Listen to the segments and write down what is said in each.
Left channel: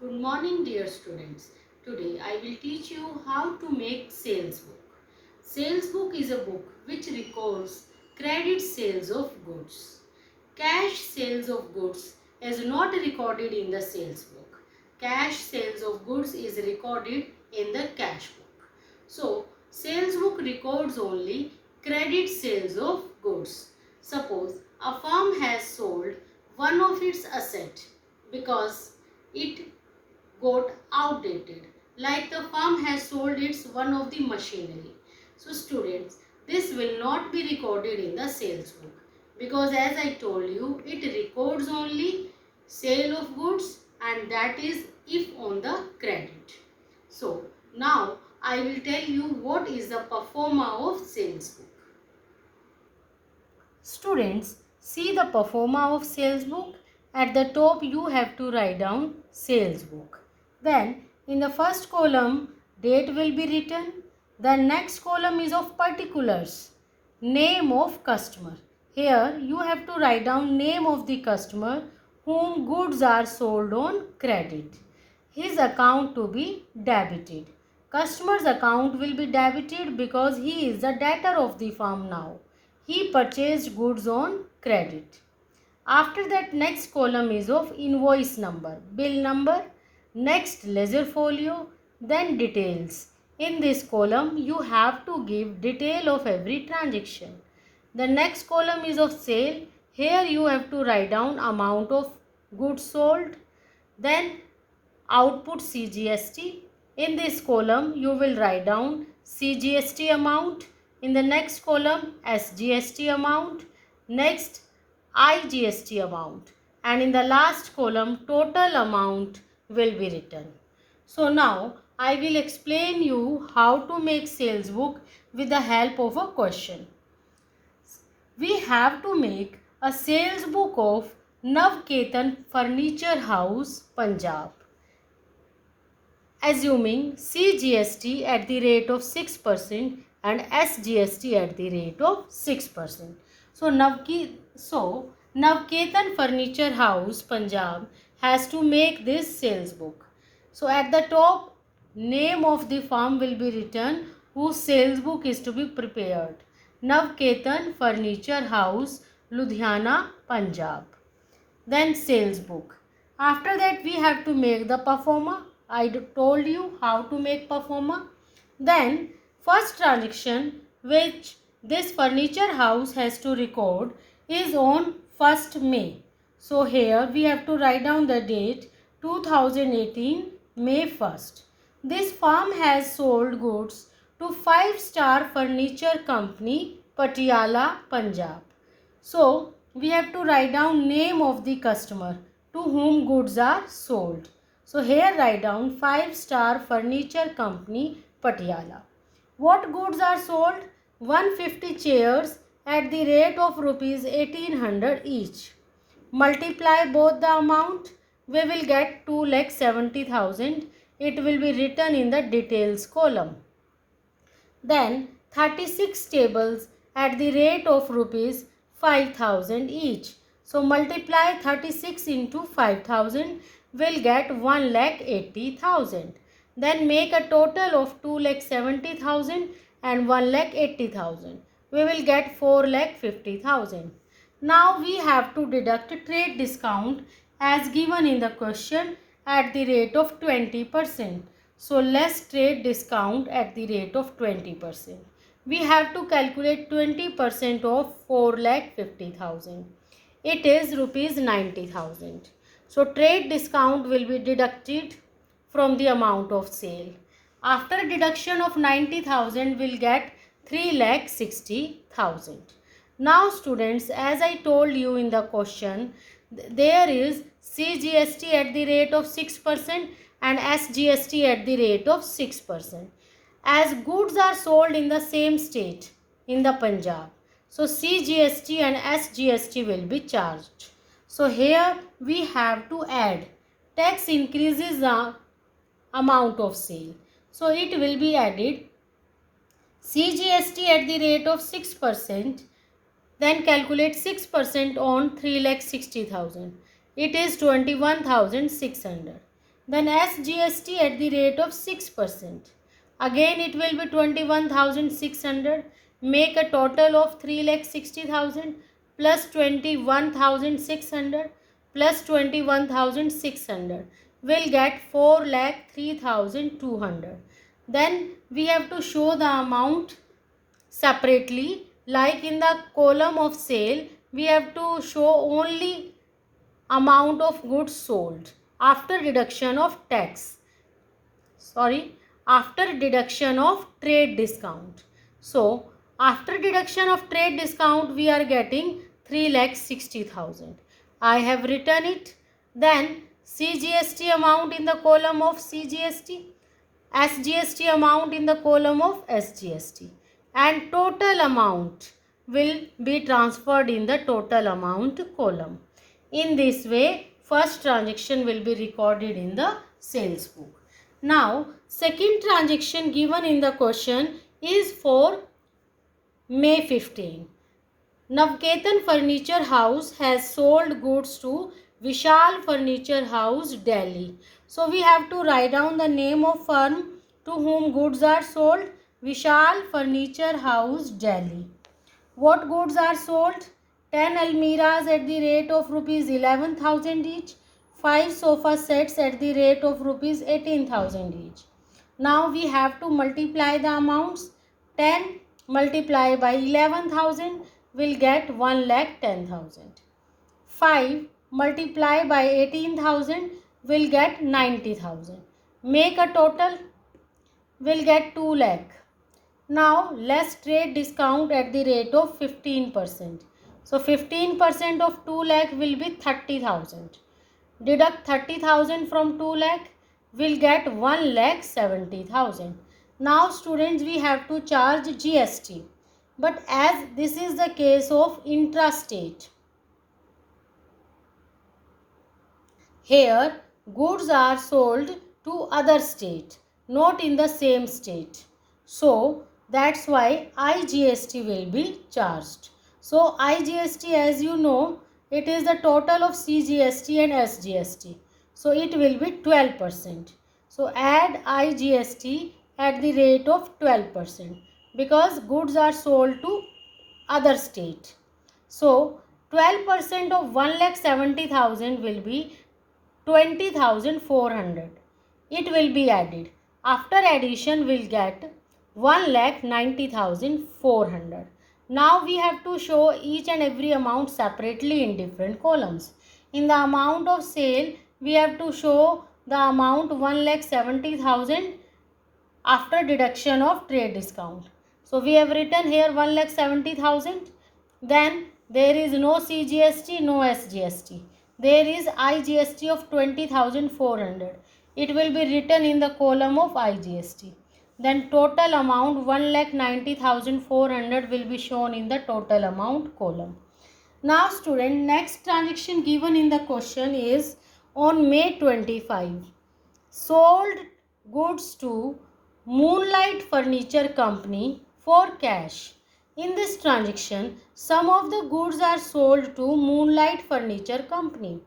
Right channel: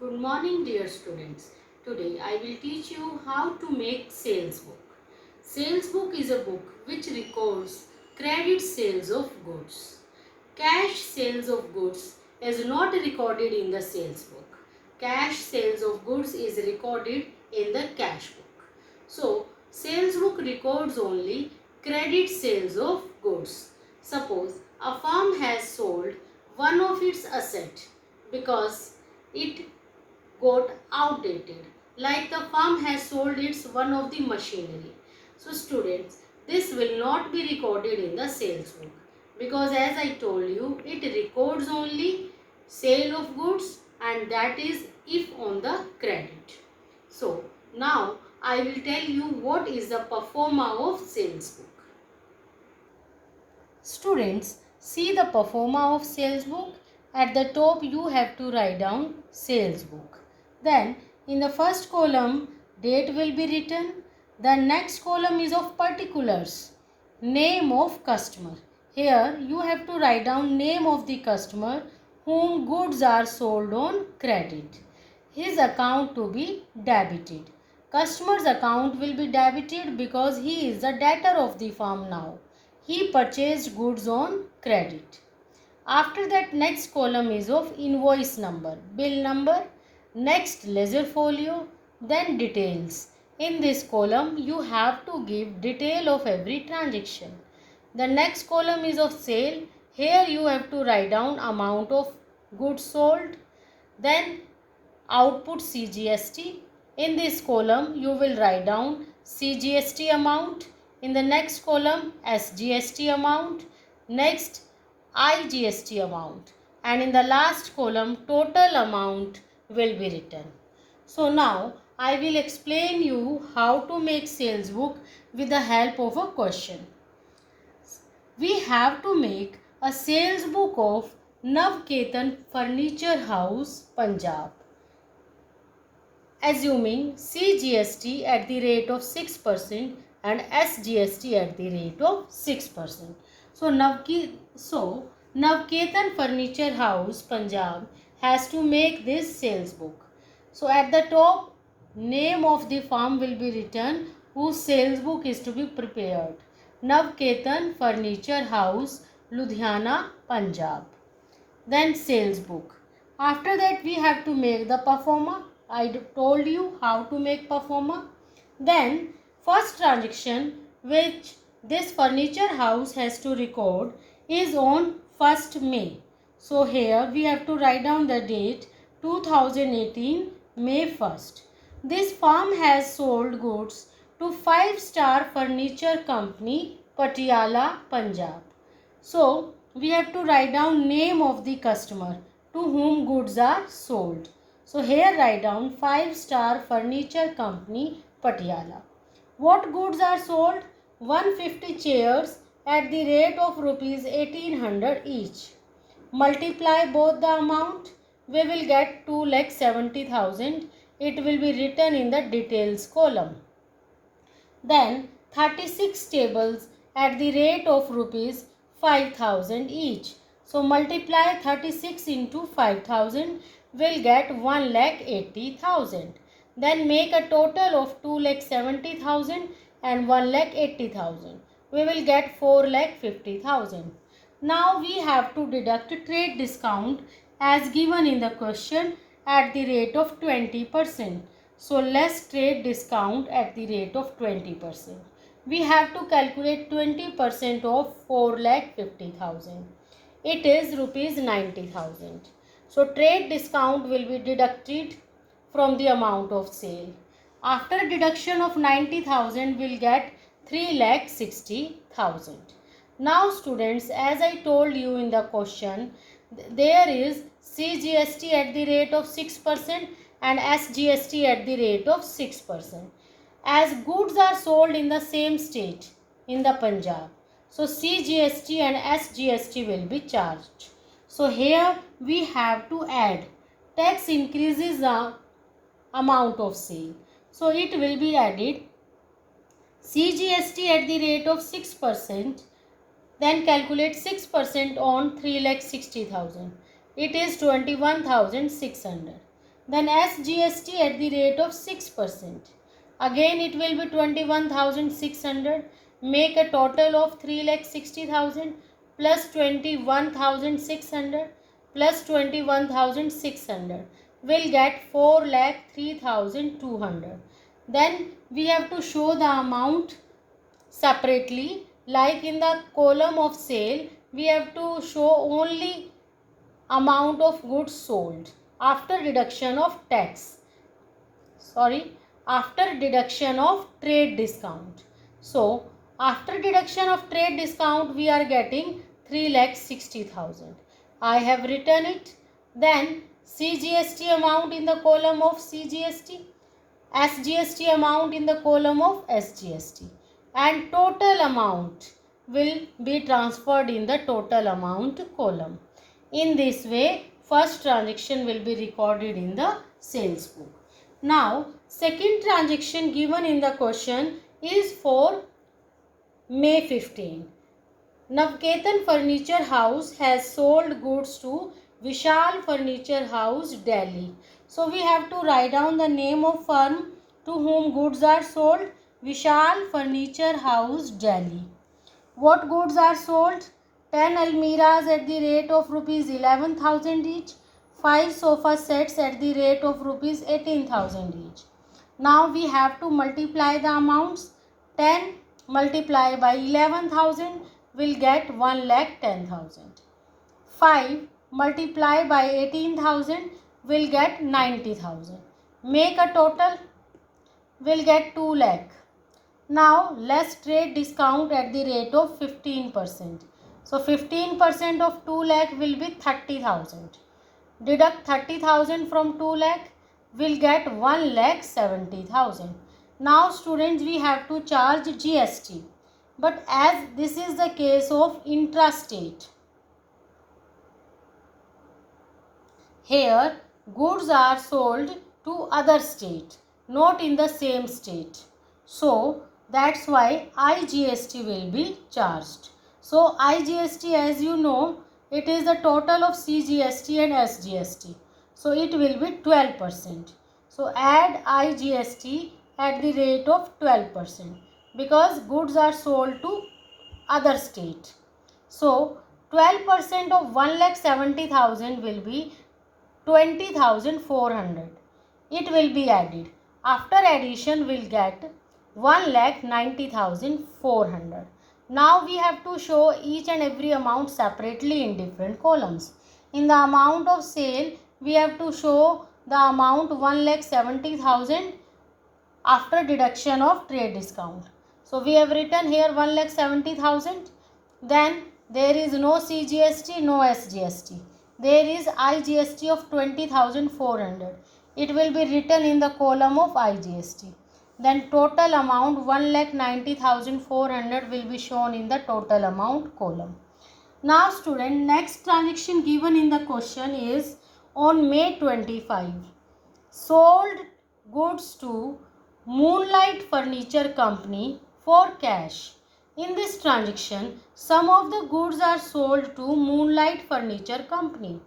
Good morning, dear students. Today I will teach you how to make sales book. Sales book is a book which records credit sales of goods. Cash sales of goods is not recorded in the sales book. Cash sales of goods is recorded in the cash book. So, sales book records only credit sales of goods. Suppose a firm has sold one of its assets because it got outdated, like the firm has sold its one of the machinery. So students, this will not be recorded in the sales book because as I told you, it records only sale of goods and that is if on the credit. So now I will tell you what is the performa of sales book. Students, see the performa of sales book. At the top you have to write down sales book. Then in the first column date will be written. The next column is of particulars. Name of customer. Here you have to write down name of the customer whom goods are sold on credit. His account to be debited. Customer's account will be debited because he is the debtor of the firm now. He purchased goods on credit. After that, next column is of invoice number, bill number, next ledger folio, then details. In this column, you have to give detail of every transaction. The next column is of sale. Here you have to write down amount of goods sold, then output CGST. In this column, you will write down CGST amount. In the next column, SGST amount. Next, IGST amount. And in the last column, total amount will be written. So now, I will explain you how to make sales book with the help of a question. We have to make a sales book of Navketan Furniture House, Punjab, assuming CGST at the rate of 6% and SGST at the rate of 6%. So Navketan Furniture House, Punjab has to make this sales book. So at the top, name of the firm will be written whose sales book is to be prepared. Navketan Furniture House, Ludhiana, Punjab. Then sales book. After that we have to make the performa. I told you how to make performa. Then first transaction which this furniture house has to record is on 1st May. So here we have to write down the date 2018 May 1st. This firm has sold goods to 5-star furniture company Patiala, Punjab. So we have to write down name of the customer to whom goods are sold. So here write down 5-star furniture company Patiala. What goods are sold? 150 chairs at the rate of rupees 1800 each. Multiply both the amount, we will get 2,70,000. It will be written in the details column. Then 36 tables at the rate of rupees 5,000 each. So multiply 36 into 5,000 will get 1,80,000. Then make a total of 2,70,000 and 1,80,000. We will get 4,50,000. Now we have to deduct trade discount as given in the question at the rate of 20%. So less trade discount at the rate of 20%. We have to calculate 20% of 4,50,000. It is rupees 90,000. So trade discount will be deducted from the amount of sale. After deduction of 90,000 we will get 3,60,000. Now students, as I told you in the question, there is CGST at the rate of 6% and SGST at the rate of 6%. As goods are sold in the same state in the Punjab, so CGST and SGST will be charged. So here we have to add tax increases the amount of sale. So it will be added CGST at the rate of 6%. Then calculate 6% on 3,60,000. It is 21,600. Then SGST at the rate of 6%. Again it will be 21,600. Make a total of 3,60,000 plus 21,600 plus 21,600 will get 4,03,200. Then we have to show the amount separately. Like in the column of sale, we have to show only amount of goods sold after deduction of tax. After deduction of trade discount. So after deduction of trade discount we are getting 3,60,000. I have written it. Then CGST amount in the column of CGST, SGST amount in the column of SGST, and total amount will be transferred in the total amount column. In this way, first transaction will be recorded in the sales book. Now, second transaction given in the question is for May 15. Navketan Furniture House has sold goods to Vishal Furniture House, Delhi. So we have to write down the name of firm to whom goods are sold. Vishal Furniture House, Delhi. What goods are sold? 10 almiras at the rate of rupees 11,000 each. 5 sofa sets at the rate of rupees 18,000 each. Now we have to multiply the amounts. 10 multiplied by 11,000 will get 1,10,000. 5 multiplied by 18,000 will get 90,000. Make a total, will get 2 lakh. Now less trade discount at the rate of 15%. So 15% of 2 lakh will be 30,000. Deduct 30,000 from 2 lakh, will get 1,70,000. Now students, we have to charge GST. But as this is the case of intrastate, here goods are sold to other state, not in the same state. So that's why IGST will be charged. So IGST, as you know, it is the total of CGST and SGST. So it will be 12%. So add IGST at the rate of 12% because goods are sold to other state. So 12% of 1,70,000 will be 20,400. It will be added. After addition we will get 1,90,400. Now we have to show each and every amount separately in different columns. In the amount of sale, we have to show the amount 1,70,000 after deduction of trade discount. So we have written here 1,70,000. Then there is no CGST, no SGST. There is IGST of 20,400. It will be written in the column of IGST. Then total amount 1,90,400 will be shown in the total amount column. Now student, next transaction given in the question is on May 25. Sold goods to Moonlight Furniture Company for cash. In this transaction, some of the goods are sold to Moonlight Furniture Company,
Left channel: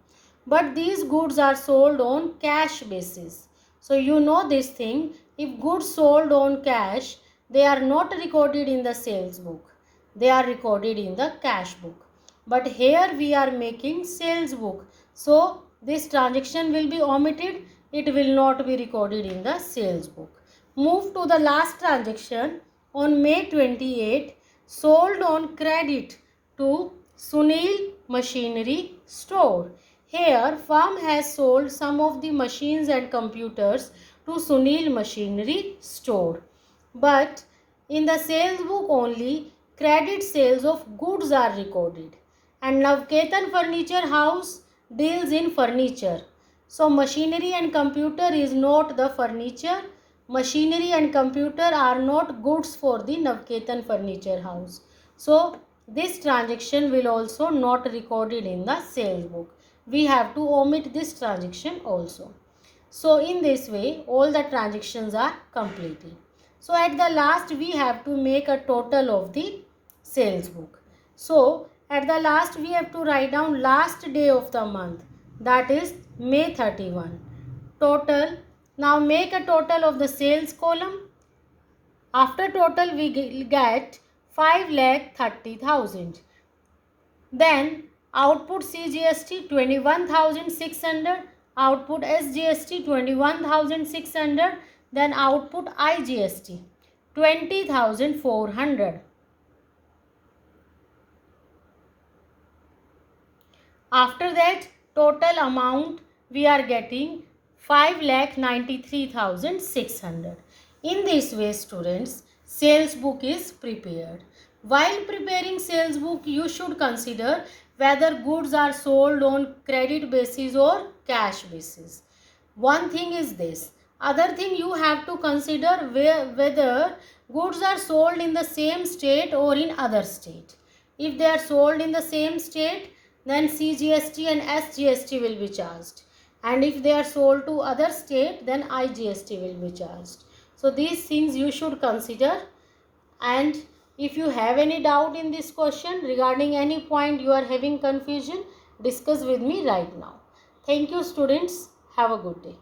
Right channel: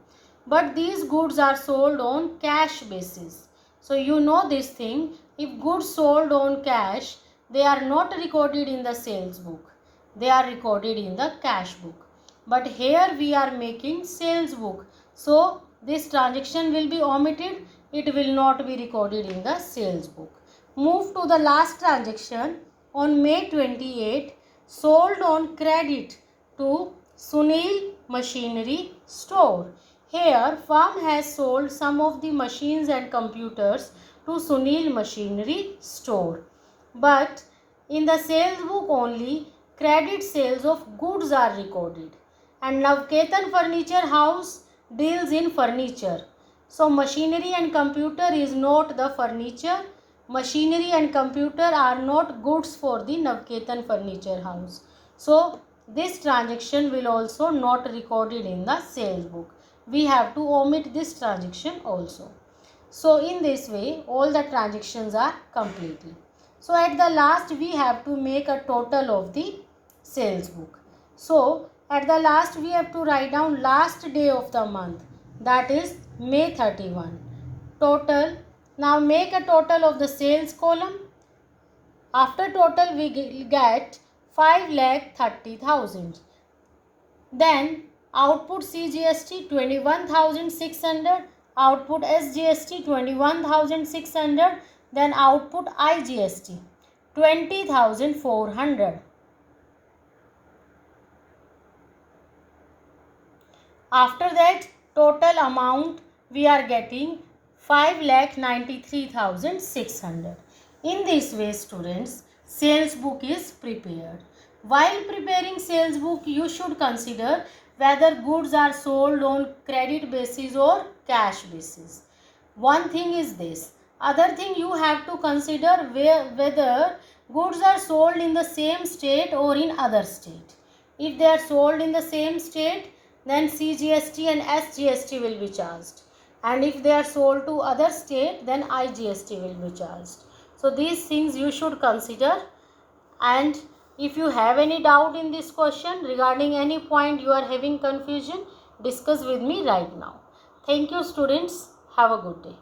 but these goods are sold on cash basis. So you know this thing, if goods sold on cash, they are not recorded in the sales book. They are recorded in the cash book. But here we are making sales book. So this transaction will be omitted. It will not be recorded in the sales book. Move to the last transaction on May 28. Sold on credit to Sunil Machinery Store. Here firm has sold some of the machines and computers to Sunil Machinery Store. But in the sales book only credit sales of goods are recorded. And Navketan Furniture House deals in furniture. So machinery and computer is not the furniture. Machinery and computer are not goods for the Navketan Furniture House. So this transaction will also not recorded in the sales book. We have to omit this transaction also. So in this way all the transactions are completed. So at the last we have to make a total of the sales book. So at the last we have to write down last day of the month, that is May 31. total. Now make a total of the sales column. After total we get 5,30,000. Then output CGST 21,600, output SGST 21,600, then output IGST 20,400. After that total amount we are getting 5,93,600. In this way students, sales book is prepared. While preparing sales book, you should consider whether goods are sold on credit basis or cash basis. One thing is this. Other thing you have to consider whether goods are sold in the same state or in other state. If they are sold in the same state, then CGST and SGST will be charged. And if they are sold to other state, then IGST will be charged. So these things you should consider. And if you have any doubt in this question regarding any point you are having confusion, discuss with me right now. Thank you students. Have a good day.